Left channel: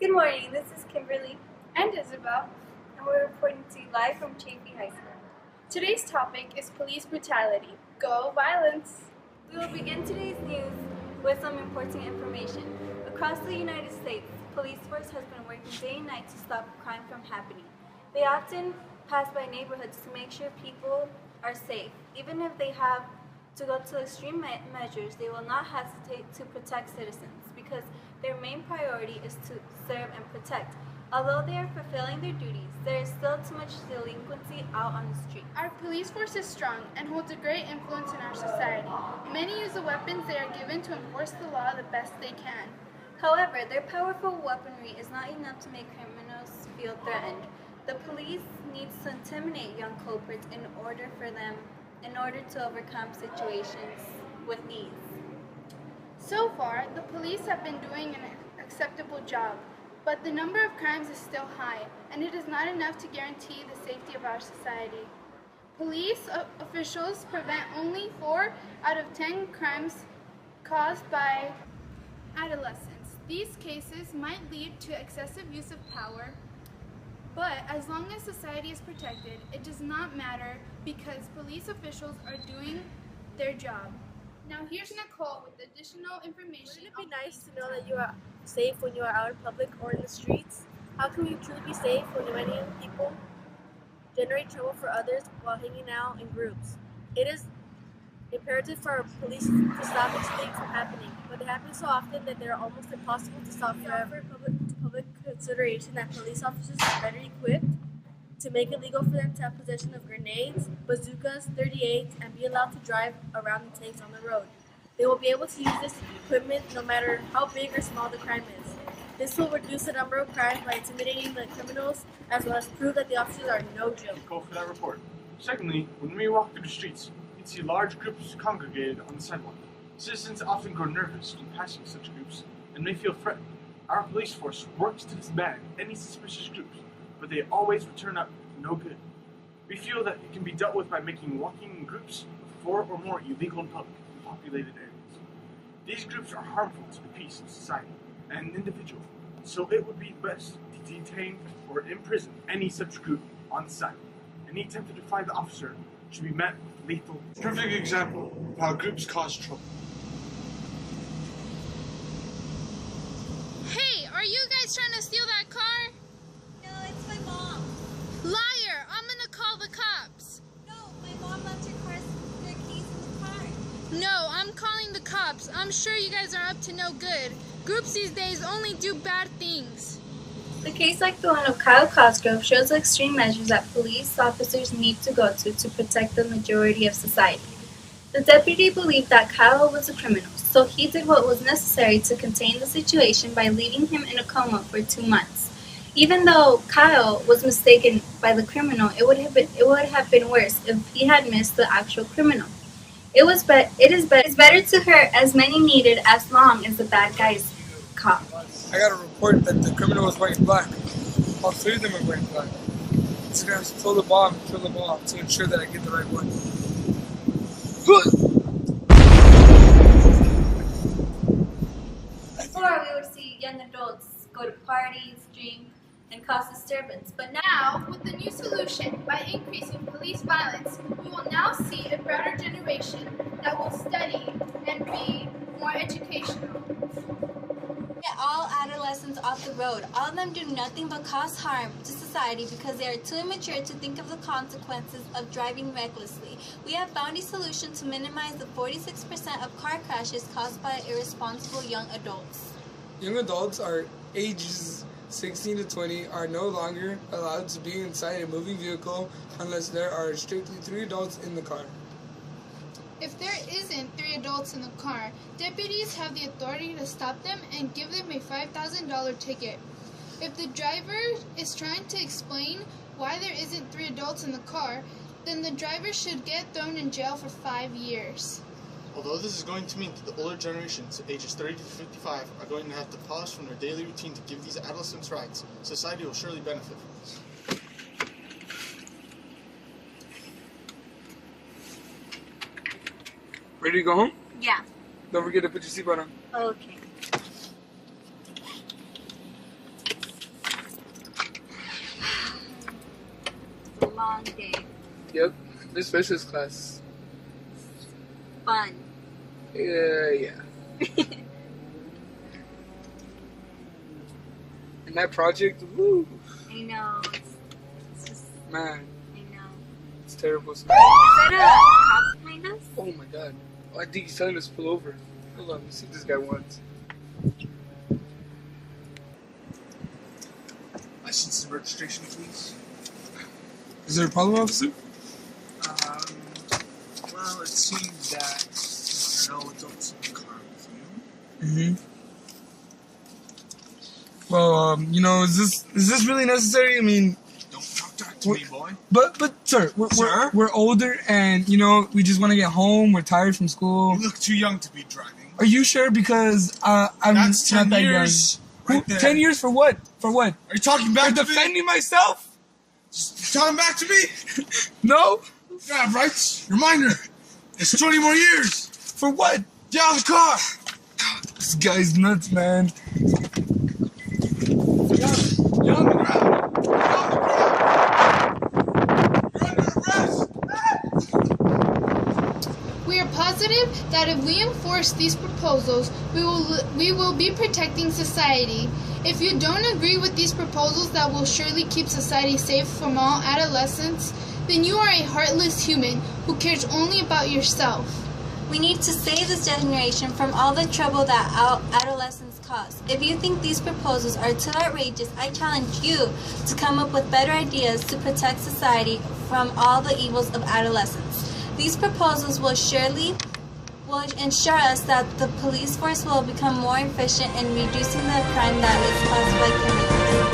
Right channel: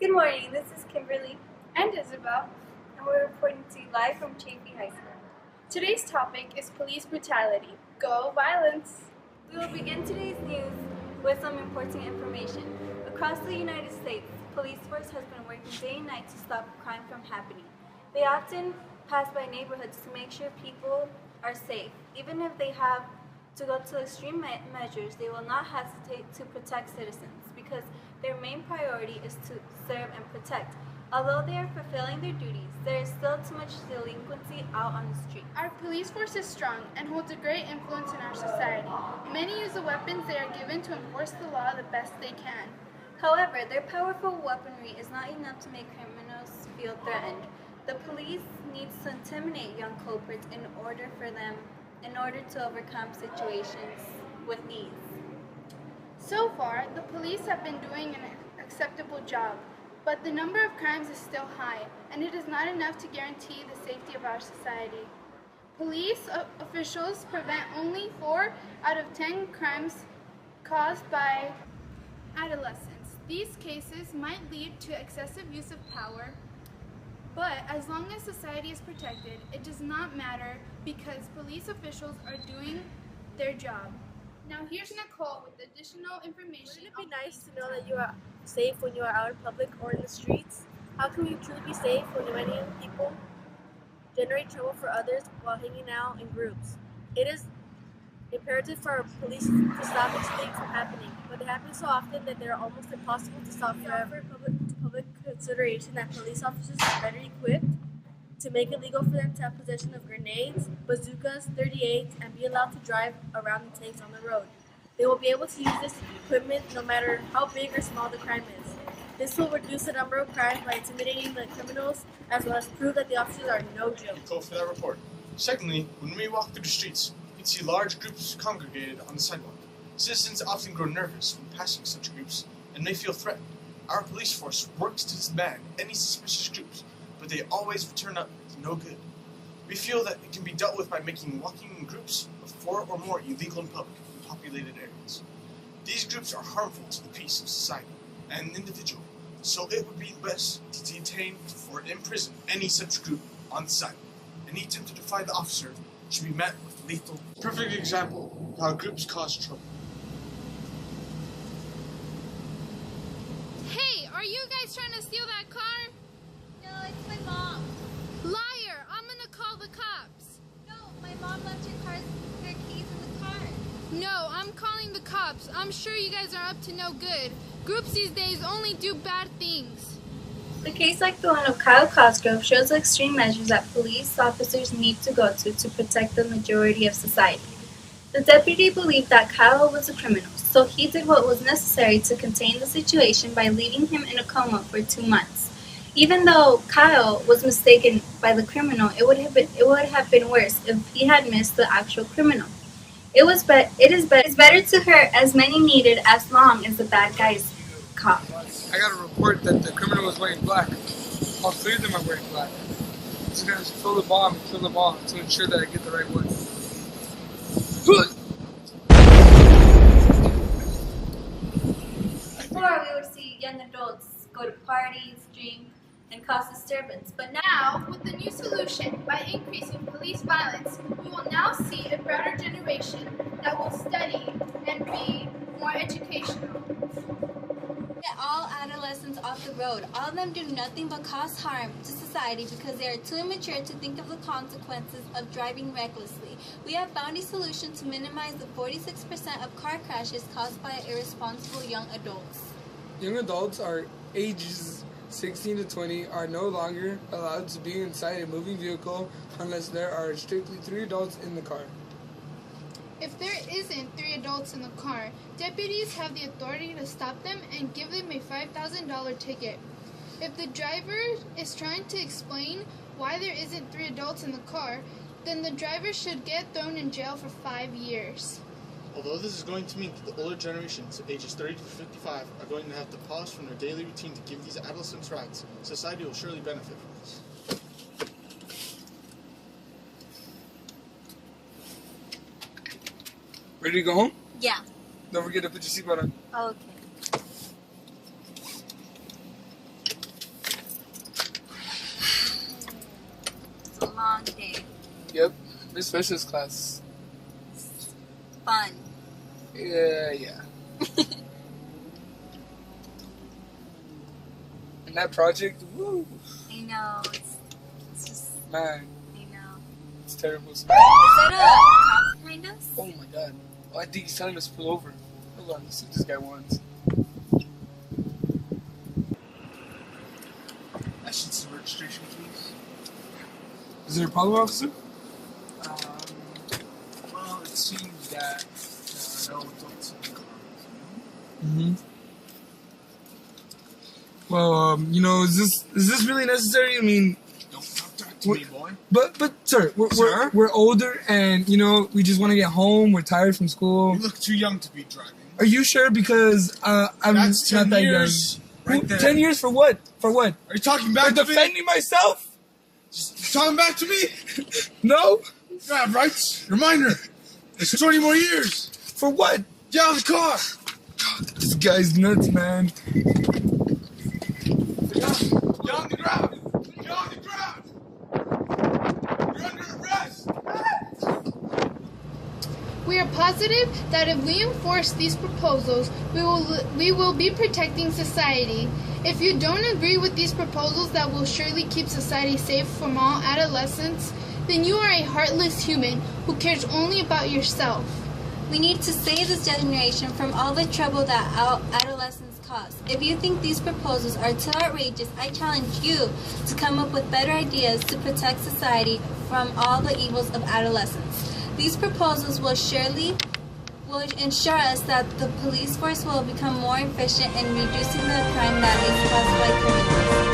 Good morning, this is Kimberly, and Isabel. and we're reporting to you live from Chaffey High School. Today's topic is police brutality. Go violence! We will begin today's news with some important information. Across the United States, police force has been working day and night to stop crime from happening. They often pass by neighborhoods to make sure people are safe. Even if they have to go to extreme measures, they will not hesitate to protect citizens because their main priority is to serve and protect. Although they are fulfilling their duties, there is still too much delinquency out on the street. Our police force is strong and holds a great influence in our society. Many use the weapons they are given to enforce the law the best they can. However, their powerful weaponry is not enough to make criminals feel threatened. The police needs to intimidate young culprits in order to overcome situations with ease. So far, the police have been doing an acceptable job, but the number of crimes is still high, and it is not enough to guarantee the safety of our society. Police officials prevent only 4 out of 10 crimes caused by adolescents. These cases might lead to excessive use of power, but as long as society is protected, it does not matter because police officials are doing their job. Now here's Nicole with additional information. Wouldn't it be nice to know that you are safe when you are out in public or in the streets? How can we truly be safe when many people generate trouble for others while hanging out in groups? It is imperative for our police to stop these things from happening, but they happen so often that they are almost impossible to stop forever. Public consideration that police officers are better equipped to make it legal for them to have possession of grenades, bazookas, 38s, and be allowed to drive around in tanks on the road. They will be able to use this equipment no matter how big or small the crime is. This will reduce the number of crimes by intimidating the criminals, as well as prove that the officers are no joke. Go for that report. Secondly, when we walk through the streets, we can see large groups congregated on the sidewalk. Citizens often grow nervous when passing such groups and may feel threatened. Our police force works to disband any suspicious groups, but they always return up to no good. We feel that it can be dealt with by making walking in groups of 4 or more illegal in public in populated areas. These groups are harmful to the peace of society and an individual, so it would be best to detain or imprison any such group on the sidewalk. Any attempt to defy the officer should be met with lethal. Perfect example of how groups cause trouble. Hey, are you guys trying to steal that car? No, it's my mom. Liar! I'm gonna call the cops. No, my mom left her keys in the car. No, I'm calling the cops. I'm sure you guys are up to no good. Groups these days only do bad things. The case like the one of Kyle Cosgrove shows the extreme measures that police officers need to go to protect the majority of society. The deputy believed that Kyle was a criminal, so he did what was necessary to contain the situation by leaving him in a coma for 2 months. Even though Kyle was mistaken by the criminal, it would have been worse if he had missed the actual criminal. It is better to hurt as many needed as long as the bad guys caught. I got a report that the criminal was wearing black. All 3 of them are wearing black. So I'm going to throw the bomb and kill them all to ensure that I get the right one. Before, we would see young adults go to parties, drink, and cause disturbance, but now Now, with the new solution, by increasing police violence, we will now see a broader generation that will study and be more educational. get all adolescents off the road. All of them do nothing but cause harm to society because they are too immature to think of the consequences of driving recklessly. We have found a solution to minimize the 46% of car crashes caused by irresponsible young adults. Young adults are ages 16 to 20 are no longer allowed to be inside a moving vehicle unless there are strictly 3 adults in the car. If there isn't 3 adults in the car, deputies have the authority to stop them and give them a $5,000 ticket. If the driver is trying to explain why there isn't 3 adults in the car, then the driver should get thrown in jail for 5 years. Although this is going to mean that the older generations, ages 30 to 55, are going to have to pause from their daily routine to give these adolescents rights, society will surely benefit from this. Ready to go home? Yeah. Don't forget to put your seatbelt on. Okay. Yep. This specialist class. Fun. Yeah. And that project, woo. I know. It's just, Man, I know. it's terrible. Is that a cop behind us? Oh my god. Oh, I think he's telling us to pull over. Hold on, let's see what this guy wants. License and registration, please. Is there a problem, officer? Well, it seems that there are no adults in the car with you. Mm-hmm. Well, you know, is this really necessary? I mean, Don't talk that to me, boy. but sir, Sir? we're older, and you know, we just want to get home. We're tired from school. You look too young to be driving. Are you sure? Because I'm That's not 10 that years. young. Right there. 10 years for what? For what? Are you talking For back to me? defending myself? Just talking back to me? No. You have rights. You're minor. It's 20 more years. For what? Get out of the car. This guy's nuts, man. Get on the ground. Get on the ground. You're under arrest. We are positive that if we enforce these proposals, we will be protecting society. If you don't agree with these proposals that will surely keep society safe from all adolescents, then you are a heartless human who cares only about yourself. We need to save this generation from all the trouble that adolescents cause. If you think these proposals are too outrageous, I challenge you to come up with better ideas to protect society from all the evils of adolescence. These proposals will ensure us that the police force will become more efficient in reducing the crime that is caused by criminals.